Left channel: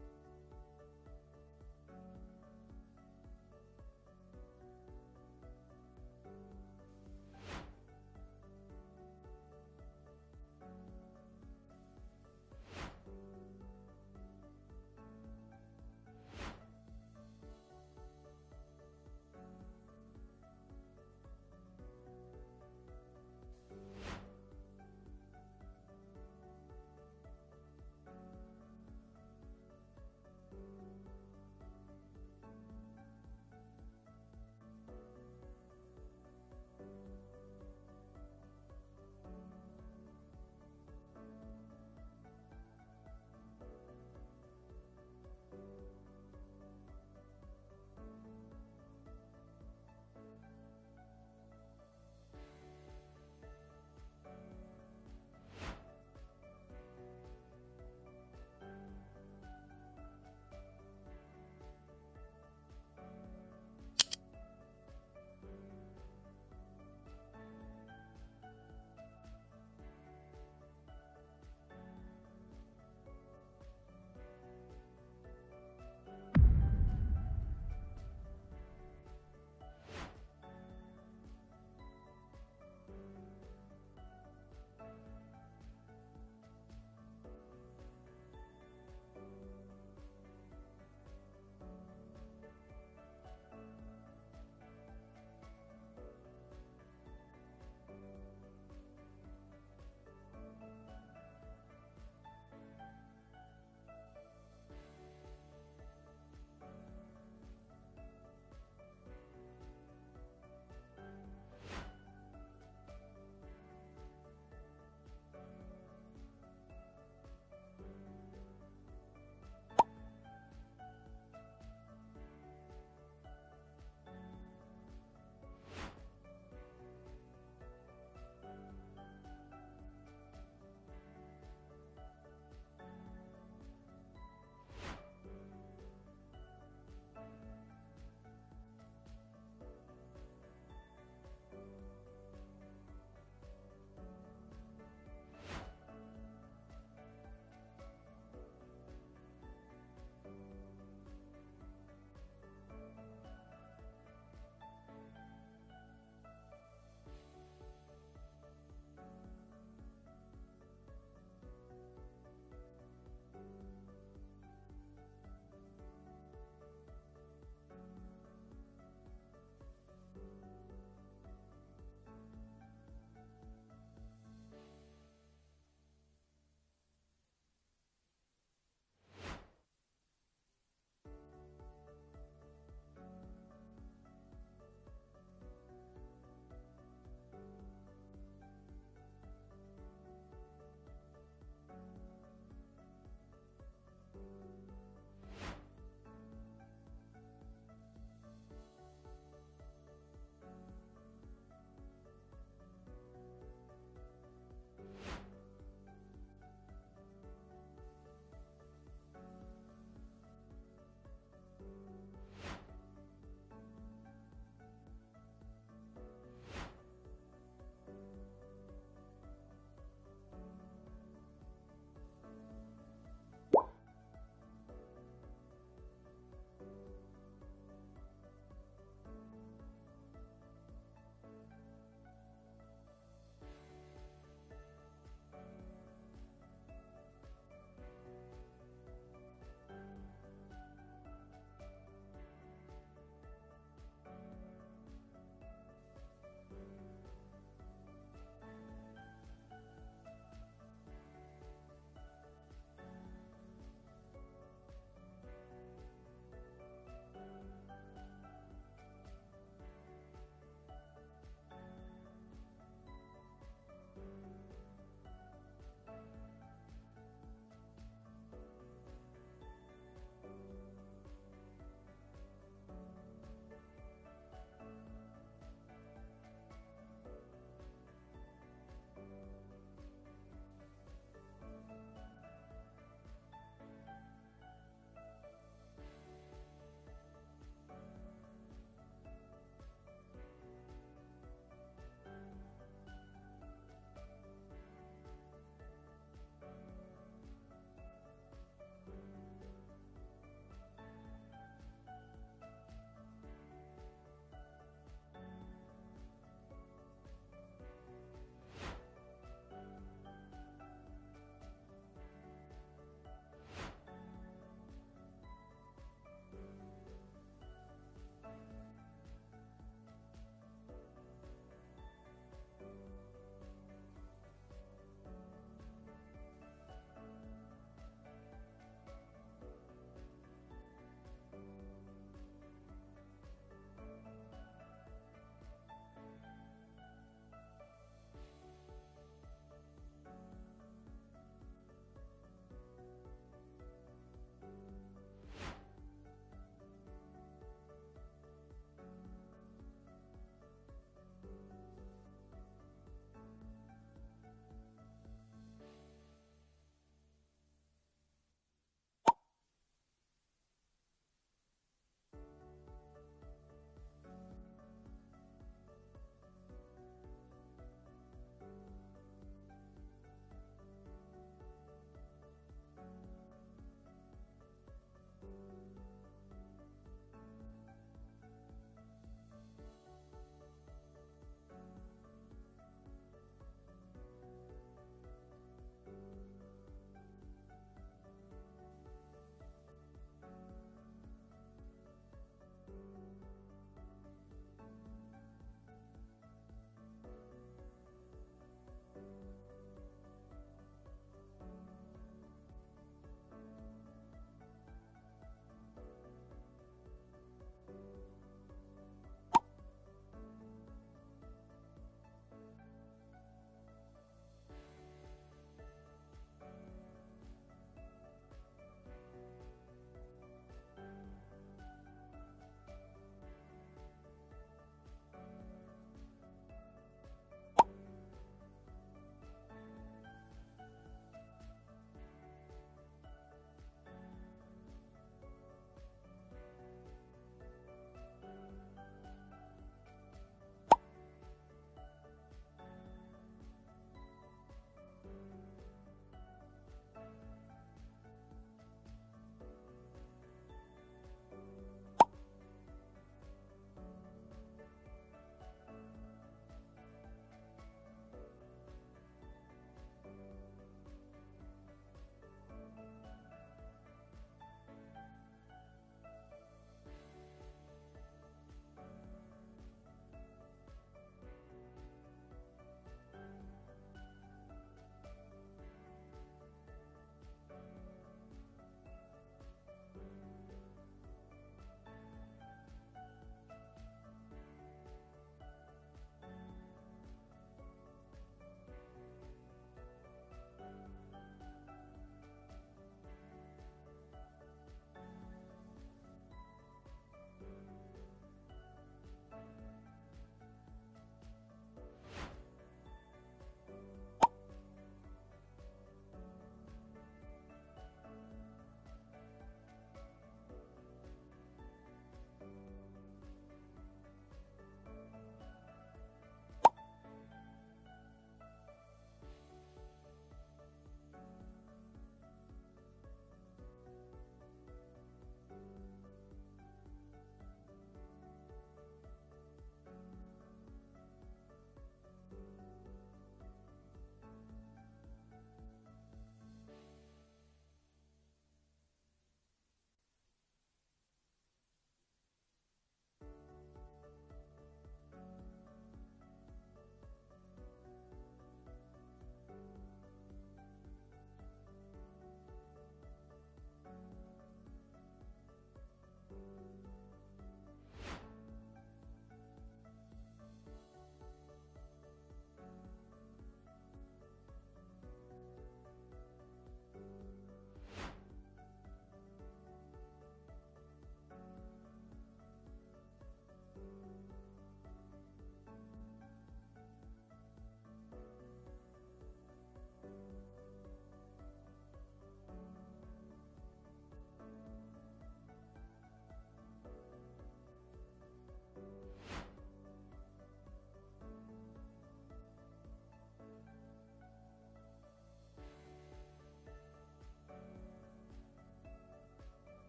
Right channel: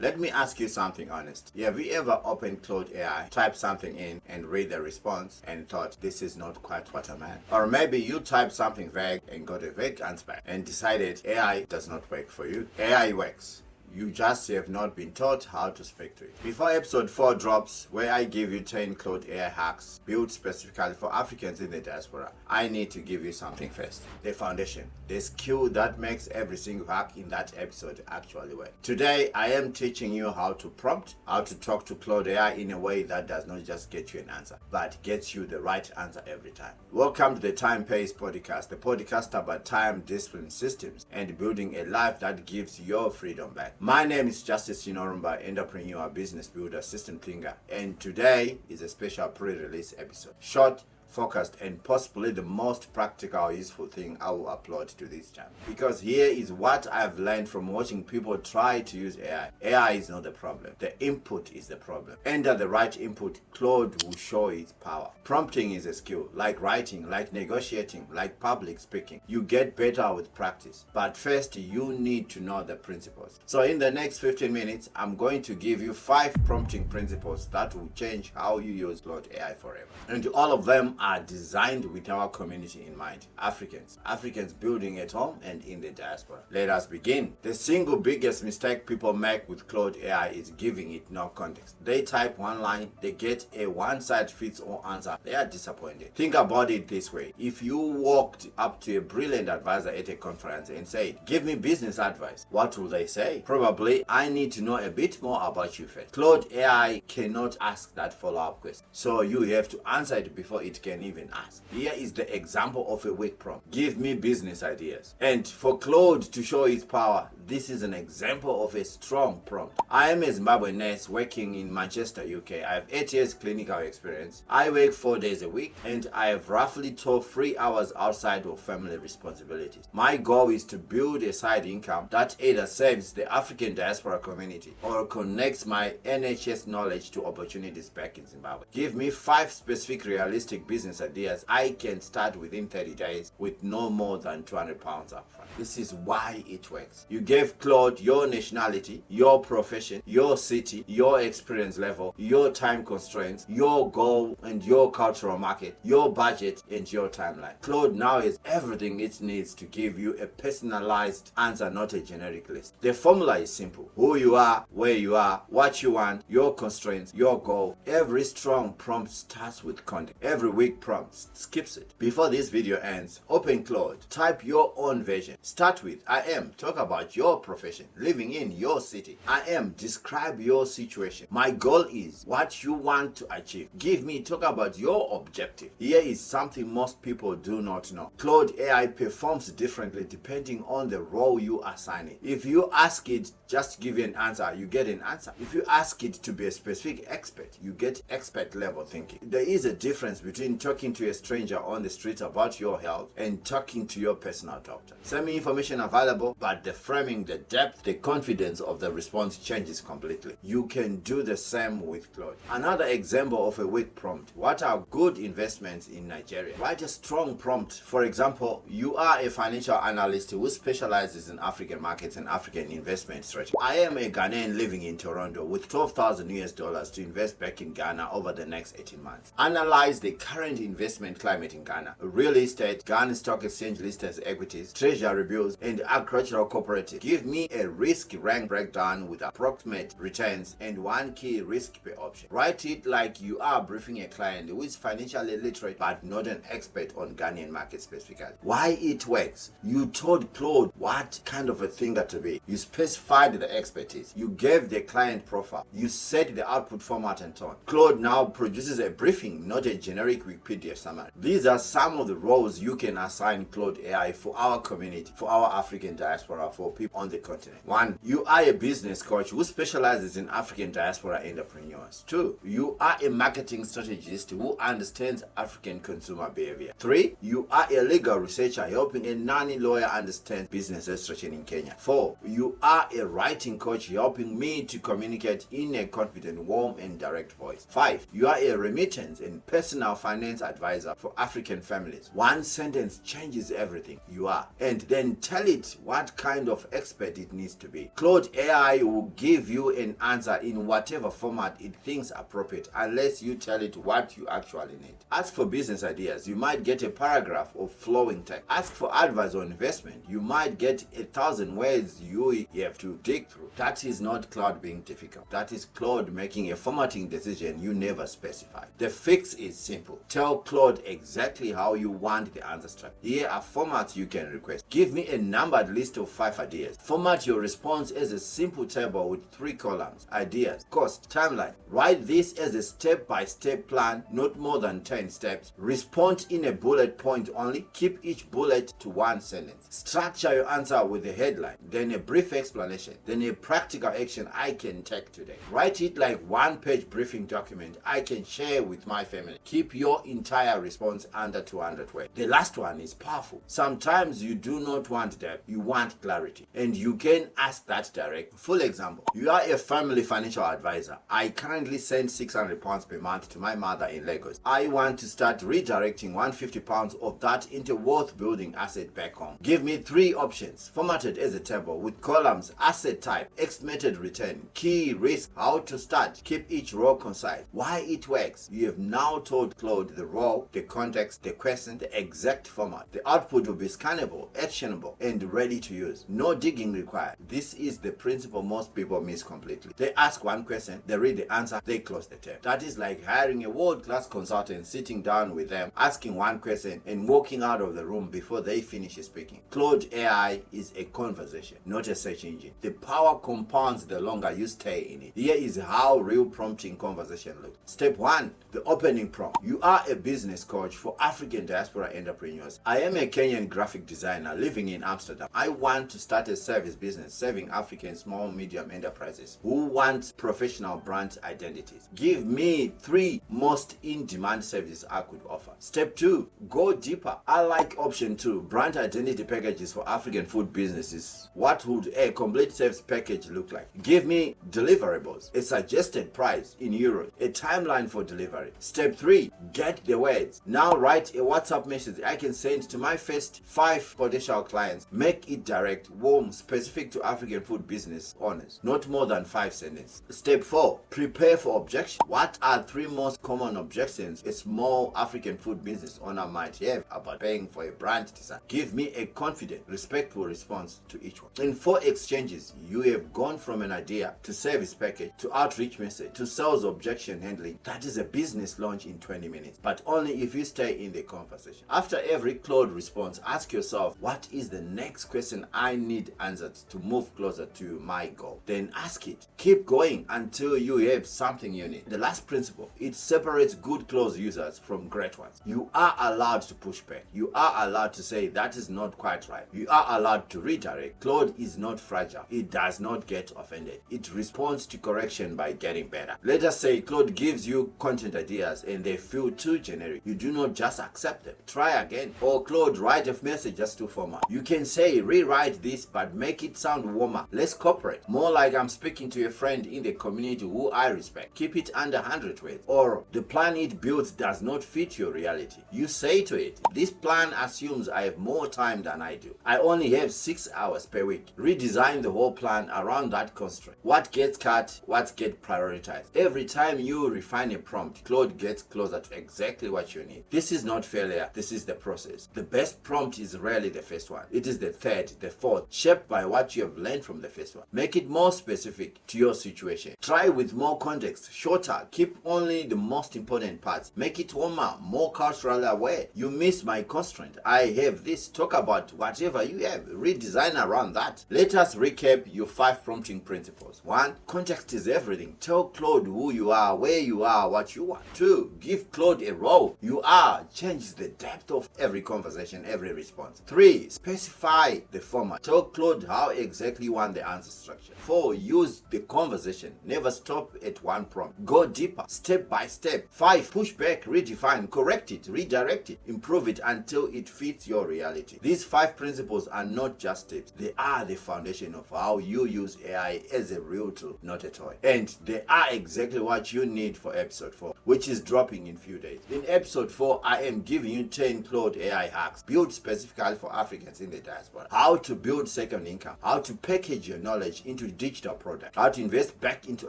Let me ask you something honest. Have you ever opened Claude AI, typed something in, and read the response and thought, this is not quite what I meant? Or maybe you typed something vague and got a vague answer back and decided AI does not work for you. AI works. You just have not been taught how to speak to it. Before episode 4 drops, where I give you 10 Claude AI hacks built specifically for Africans in the diaspora, I need to give you something first. The foundation. The skill that makes every single hack in that episode actually work. Today, I am teaching you how to prompt, how to talk to Claude AI in a way that does not just get you an answer, but gets you the right answer every time. Welcome to the Time Pays podcast, the podcast about time, discipline, systems, and building a life that gives your freedom back. My name is Justice Chinorumba, entrepreneur, business builder, system thinker, and today is a special pre-release episode. Short, focused, and possibly the most practical, useful thing I will upload to this channel. Because here is what I've learned from watching people try to use AI. AI is not the problem. The input is the problem. Enter the right input, Claude will show its power. Prompting is a skill, like writing, like negotiating, like public speaking. You get better with practice. But first, you need to know the principles. So in the next 15 minutes, I'm going to give you 5 prompting principles that will change how you use Claude AI forever. And all of them are designed with our community in mind. Africans building at home and in the diaspora. Let us begin. The single biggest mistake people make with Claude AI is giving it no context. They type one line, they get a one-size-fits-all answer. They are disappointed. Think about it this way. If you walked up to a brilliant advisor at a conference and said, give me business advice, what will they say? Probably, I need to know a bit more about you first. Claude AI cannot ask that follow-up question. So you have to answer it before it can even ask. Here is the example of a weak prompt. Give me business ideas. And for Claude to show its power, this is an example of a strong prompt. I am a Zimbabwean nurse working in Manchester, UK. I have 8 years clinical experience. I work 4 days a week and I have roughly 3 hours outside of family responsibilities. My goal is to build a side income that either serves the African diaspora community or connects my NHS knowledge to opportunities back in Zimbabwe. Give me 5 specific realistic business ideas I can start within 30 days with no more than £200 upfront. This is why it works. You gave Claude your nationality, your profession, your city, your experience level, your time constraints, your goal and your cultural market, your budget and your timeline. Claude now has everything it needs to give you a personalized answer, not a generic list. The formula is simple. Who you are, where you are, what you want, your constraints, your goal. Every strong prompt starts with context. Every weak prompt skips it. Before this video ends, open Claude. Type your own version. Start with I am. Talk about your profession. Living in your city. I am. Describe your situation. My goal is what you want to achieve. Give me. Talk about your objective. Here is something most people do not know. Claude AI performs differently depending on the role you assign it. If you ask it just to give you an answer, you get an answer. If you ask it to be a specific expert, you get expert level thinking. There is a difference between talking to a stranger on the street about your health and talking to your personal doctor. Same information available, but the framing, the depth, the confidence of the response changes completely. You can do the same with Claude. Another example of a weak prompt. What are good investments in Nigeria? Write a strong prompt. For example, you are a financial analyst who specializes in African markets and African investment strategy. I am a Ghanaian living in Toronto with $12,000 to invest back in Ghana over the next 18 months. Analyze the current investment climate in Ghana. Real estate, Ghana Stock Exchange listed equities, treasury bills, and agricultural cooperative. Give me a risk rank breakdown with approximate returns and 1 key risk per option. Write it like you are briefing a client who is financially literate but not an expert on Ghanaian market specifically. Why it works? You told Claude what kind of a thing that to be. You specified the expertise. You gave the client profile. You set the output format and tone. Claude now produces a briefing, not a generic Wikipedia summary. These are some of the roles you can assign Claude AI for our community, for our African diaspora, for people on the continent. 1. You are a business coach who specializes in African diaspora entrepreneurs. 2. You are a marketing strategist who understands African consumer behavior. 3. You are a legal researcher helping a non-lawyer understand business strategy in Kenya. 4. You are a writing coach helping me to communicate in a confident, warm, and direct voice. 5. You are a remittance and personal finance advisor for African families. One sentence changes everything. You are. And then tell it what kind of expert it needs to be. Claude AI will give you an answer in whatever format it thinks appropriate, unless you tell it what you actually need. Ask for business ideas. You might get a paragraph of flowing text. Ask for advice on investment. You might get 1,000 words you have to dig through. That is not Claude being difficult. That is Claude making a formatting decision you never specified. The fix is simple. Tell Claude exactly how you want the answer structured. Here are formats you can request. Give me a numbered list of 5 ideas. Format your response as a simple table with 3 columns. Ideas, cost, timeline. Write this as a step-by-step plan, not more than 10 steps. Respond in a bullet point only. Keep each bullet to 1 sentence. Structure your answer with a headline, then a brief explanation, then a practical action I can take today. Write it like 1-page briefing document I can share with my family. Keep your entire response under 200 words. The last one is powerful. Sometimes you do not want depth, you want clarity, and you can ask that direct. Full example, you are a family financial advisor. I currently send £600 per month to my mother in Lagos. I want to start redirecting £150 of that into wealth building asset back home. Give me 3 options, formatted as a table with columns, asset type, estimated return, key risk, how to start. Keep each row concise. Why it works? You have now told Claude the role, the context, the question, the exact format. The output will be scannable, actionable, and ready to use. No digging required. This is the principle most people miss completely. They ask one question, they read the answer, they close the tab. That is like hiring a world-class consultant, sitting down with them, asking one question, and walking out of the room before they finish speaking. Claude AI is a conversation, not a search engine. The power compounds the longer you stay in it. Here is how real prompting conversation looks. Step 1, the opening prompt. You are a business coach for African diaspora entrepreneurs. I am a Kenyan graphic designer living in Amsterdam. I want to start a service business serving African small medium enterprises who want professional brand identities. Give me 3 most in-demand services I could offer. Step 2, go deeper. I like option 2, brand identity packages for African food businesses. What would a complete service package look like? Give me deliverables, a suggested price in euros, a timeline for delivery. Step 3, get the words. Now write a WhatsApp message I can send to my first 5 potential clients. Make it direct, warm, specific to African food business owners. Not more than 5 sentences. Step 4, prepare for objection. What are 3 most common objections a small African food business owner might have about paying for a brand design? Give me a confident, respectful response to each one. In 4 exchanges, you have gone from an idea to service package to outreach message to sales objection handling. That is a business launch in 20 minutes, but only if you stay in the conversation. After every Claude response, ask yourself, what is the next question I need answered to move closer to my goal? Then ask it. Keep going until you have something you need. The last principle, it separates good Claude users from great ones. You are allowed to push back. You are allowed to say that is not quite right. You are allowed to redirect. Claude is not fragile. It does not get offended. It responds to correction by getting better. Let us say Claude gives you content ideas and they feel too generic. You do not just accept them. Try again. Or Claude, write a message just too formal. You can say rewrite this but make it sound warmer, less corporate, more like I'm speaking to a friend in the community who I respect. Keep it under 100 words. Or the plan it builds does not fit your reality. You say to it, this plan assumes I have more time than I do. I only have 6 hours per week. Redesign the whole plan around that constraint. What gets cut, what gets prioritized. Every time you refine a prompt, Claude gets closer to exactly what you need. This is not failure, this is the process. The best prompt is rarely the first one. It is the third, the fourth, shaped by what you have learned from the first one. Make it more specific to your situation. Try with more context, shorter, keep only the most important parts. Make it warmer, more culturally aware. You missed my constraint. I have this. Talk about whatever you have. Redesign around that. Let us recap your 5 prompting principles. 1, context is everything. Tell Claude who you are, where you are, what you want. 2, give Claude a role. You are. Change the depth of every conversation, every response. 3, specify the format. Tell Claude how exactly you want the answer structure. 4, use the conversation. Never stop at one prompt. Go deeper, step by step. 5, push back, redefine, correct it, redirect it, improve it until it fits your reality. These 5 principles are not just tips. They are the foundation of how how you use AI as a real tool, not a toy. And they are exactly what you need for episode 4, which is dropping in few days. In episode 4, I am giving you 10 Claude AI hacks built specifically for Africans in the diaspora. How to build second income, how to package your knowledge into digital products, how to invest back into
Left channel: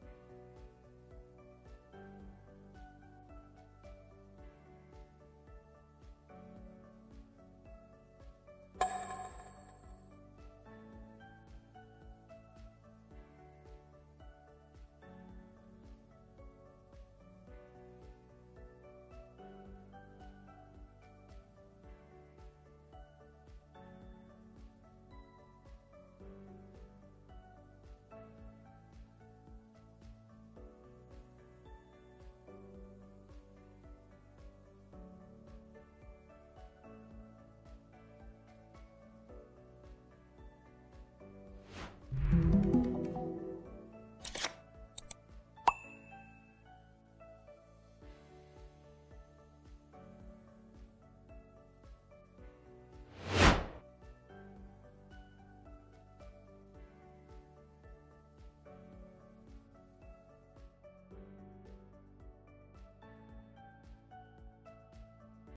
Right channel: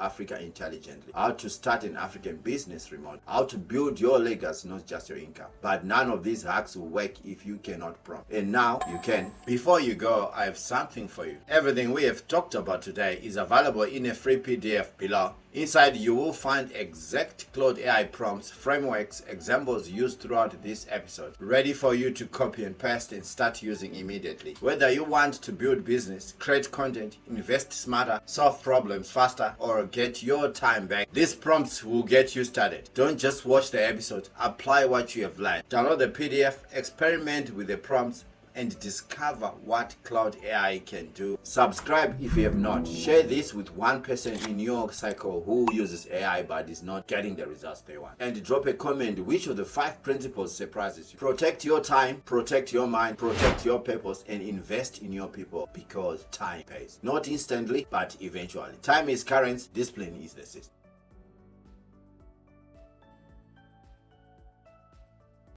Africa intelligently, how to start an African business remote, how to build your legacy, not just your income. But none of these hacks will work if you cannot prompt. And now you can. Before you go, I have something for you. Everything we have talked about today is available in a free PDF below. Inside, you will find exact Claude AI prompts, frameworks, examples used throughout this episode, ready for you to copy and paste and start using immediately. Whether you want to build business, create content, invest smarter, solve problems faster, or get your time back, these prompts will get you started. Don't just watch the episode, apply what you have learned. Download the PDF, experiment with the prompts, and discover what Claude AI can do. Subscribe if you have not. Share this with one person in your cycle who uses AI but is not getting the results they want. And drop a comment which of the 5 principles surprises you. Protect your time, protect your mind, protect your purpose, and invest in your people, because time pays. Not instantly, but eventually. Time is currency, discipline is the system.